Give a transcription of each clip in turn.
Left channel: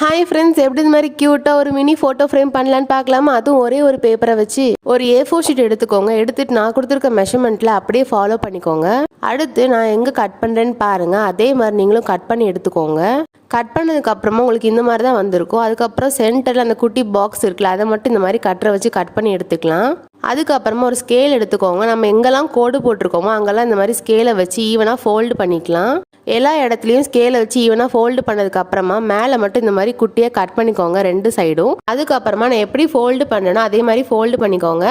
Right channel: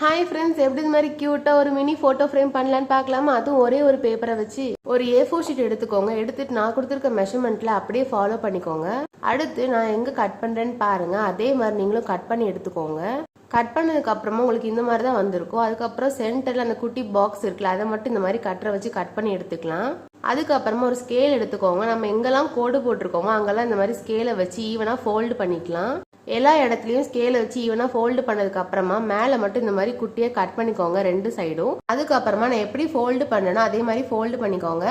Hi friends, எப்படி இந்த மாதிரி க்யூட்டாக ஒரு மினி ஃபோட்டோ ஃப்ரேம் பண்ணலான்னு பார்க்கலாமா? அதுவும் ஒரே ஒரு பேப்பரை வச்சு ஒரு A4 ஷீட் எடுத்துக்கோங்க. எடுத்துட்டு நான் கொடுத்துருக்க மெஷர்மெண்ட்டில் அப்படியே ஃபாலோ பண்ணிக்கோங்க. அடுத்து நான் எங்கே கட் பண்ணுறேன்னு பாருங்கள். அதே மாதிரி நீங்களும் கட் பண்ணி எடுத்துக்கோங்க. கட் பண்ணதுக்கு அப்புறமா உங்களுக்கு இந்த மாதிரி தான் வந்திருக்கும். அதுக்கப்புறம் சென்டரில் அந்த குட்டி பாக்ஸ் இருக்குல்ல, அதை மட்டும் இந்த மாதிரி கட்டரை வச்சு கட் பண்ணி எடுத்துக்கலாம். அதுக்கப்புறமா ஒரு ஸ்கேல் எடுத்துக்கோங்க. நம்ம எங்கெல்லாம் கோடு போட்டிருக்கோமோ அங்கெல்லாம் இந்த மாதிரி ஸ்கேலை வச்சு ஈவனாக ஃபோல்டு பண்ணிக்கலாம். எல்லா இடத்துலையும் ஸ்கேலை வச்சு ஈவனாக ஃபோல்டு பண்ணதுக்கு அப்புறமா மேலே மட்டும் இந்த மாதிரி குட்டியாக கட் பண்ணிக்கோங்க ரெண்டு சைடும். அதுக்கப்புறமா நான் எப்படி ஃபோல்டு பண்ணேனோ அதே மாதிரி ஃபோல்டு பண்ணிக்கோங்க.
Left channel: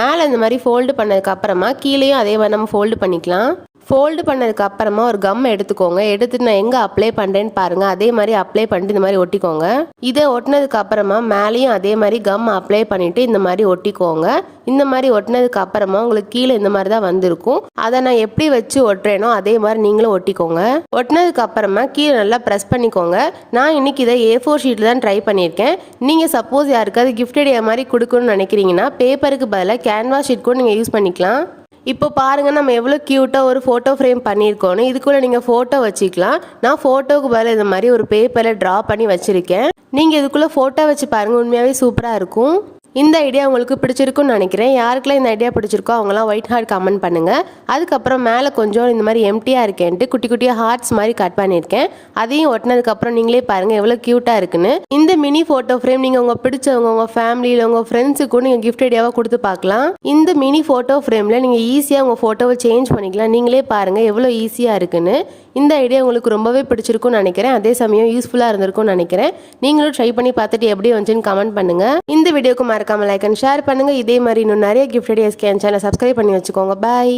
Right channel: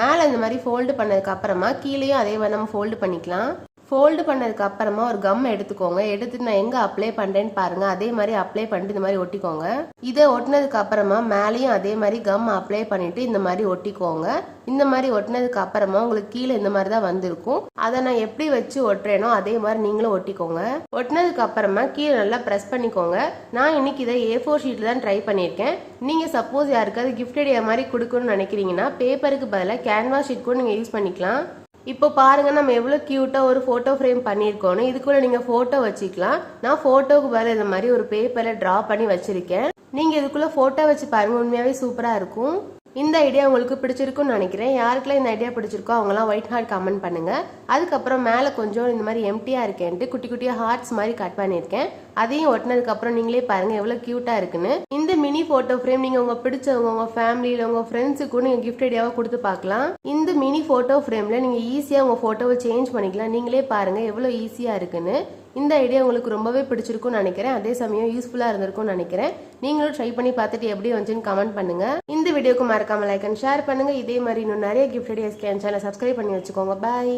மேலே இந்த மாதிரி ஃபோல்டு பண்ணதுக்கு அப்புறமா கீழேயும் அதே மாதிரி நம்ம ஃபோல்டு பண்ணிக்கலாம். ஃபோல்டு பண்ணதுக்கு அப்புறமா ஒரு கம் எடுத்துக்கோங்க. எடுத்துட்டு நான் எங்கே அப்ளை பண்ணுறேன்னு பாருங்கள். அதே மாதிரி அப்ளை பண்ணிட்டு இந்த மாதிரி ஒட்டிக்கோங்க. இதை ஒட்டினதுக்கு அப்புறமா மேலேயும் அதே மாதிரி கம் அப்ளை பண்ணிட்டு இந்த மாதிரி ஒட்டிக்கோங்க. இந்த மாதிரி ஒட்டினதுக்கு அப்புறமா உங்களுக்கு கீழே இந்த மாதிரி தான் வந்திருக்கும். அதை நான் எப்படி வச்சு ஒட்டுறேனோ அதே மாதிரி நீங்களும் ஒட்டிக்கோங்க. ஒட்டினதுக்கு அப்புறமா கீழே நல்லா ப்ரெஸ் பண்ணிக்கோங்க. நான் இன்னைக்கு இதை A4 ஷீட்டில் தான் ட்ரை பண்ணியிருக்கேன். நீங்கள் சப்போஸ் யாருக்காவது கிஃப்ட் ஐடியா மாதிரி கொடுக்கணும்னு நினைக்கிறீங்கன்னா பேப்பருக்கு பதிலாக கேன்வாஸ் ஷீட் கூட நீங்கள் யூஸ் பண்ணிக்கலாம். இப்போ பாருங்கள் நம்ம எவ்வளோ க்யூட்டாக ஒரு ஃபோட்டோ ஃப்ரேம் பண்ணியிருக்கோன்னு. இதுக்குள்ளே நீங்கள் ஃபோட்டோ வச்சுக்கலாம். நான் ஃபோட்டோவுக்கு பதில் இந்த மாதிரி ஒரு பேப்பரில் ட்ரா பண்ணி வச்சுருக்கேன். நீங்கள் இதுக்குள்ளே ஃபோட்டோ வச்சு பாருங்கள், உண்மையாகவே சூப்பராக இருக்கும். இந்த ஐடியா உங்களுக்கு பிடிச்சிருக்குன்னு நினைக்கிறேன். யாருக்கெல்லாம் இந்த ஐடியா பிடிச்சிருக்கோ அவங்களாம் ஒயிட் ஹார்ட் கமெண்ட் பண்ணுங்கள். அதுக்கப்புறம் மேலே கொஞ்சம் இந்த மாதிரி எம்டியாக இருக்கேன்ட்டு குட்டி குட்டியாக ஹார்ட்ஸ் மாதிரி கட் பண்ணியிருக்கேன். அதையும் ஒட்டினதுக்கப்புறம் நீங்களே பாருங்கள் எவ்வளோ க்யூட்டாக இருக்குன்னு. இந்த மினி ஃபோட்டோ ஃப்ரேம் நீங்கள் உங்கள் பிடிச்சவங்க, உங்கள் ஃபேமிலியில், உங்கள் ஃப்ரெண்ட்ஸுக்கும் நீங்கள் கிஃப்ட் ஐடியாவாக கொடுத்து பார்க்கலாம். இந்த மினி ஃபோட்டோ ஃப்ரேமில் நீங்கள் ஈஸியாக உங்கள் ஃபோட்டோவை சேஞ்ச் பண்ணிக்கலாம். நீங்களே பாருங்கள் எவ்வளோ ஈஸியாக இருக்குன்னு. இந்த ஐடியா உங்களுக்கு ரொம்பவே பிடிச்சிருக்கும்னு நினைக்கிறேன். அதே சமயம் யூஸ்ஃபுல்லாக இருந்திருக்கும்னு நினைக்கிறேன். நீங்களும் ட்ரை பண்ணி பார்த்துட்டு எப்படி வந்துச்சுன்னு கமெண்ட் பண்ணுங்கள். இந்த வீடியோக்கு மறக்காம லைக் அண்ட் ஷேர் பண்ணுங்கள். இதே மாதிரி இன்னும் நிறைய கிஃப்ட் ஐடியாஸ்க்கு என் சேனலை சப்ஸ்கிரைப் பண்ணி வச்சுக்கோங்க. பாய்.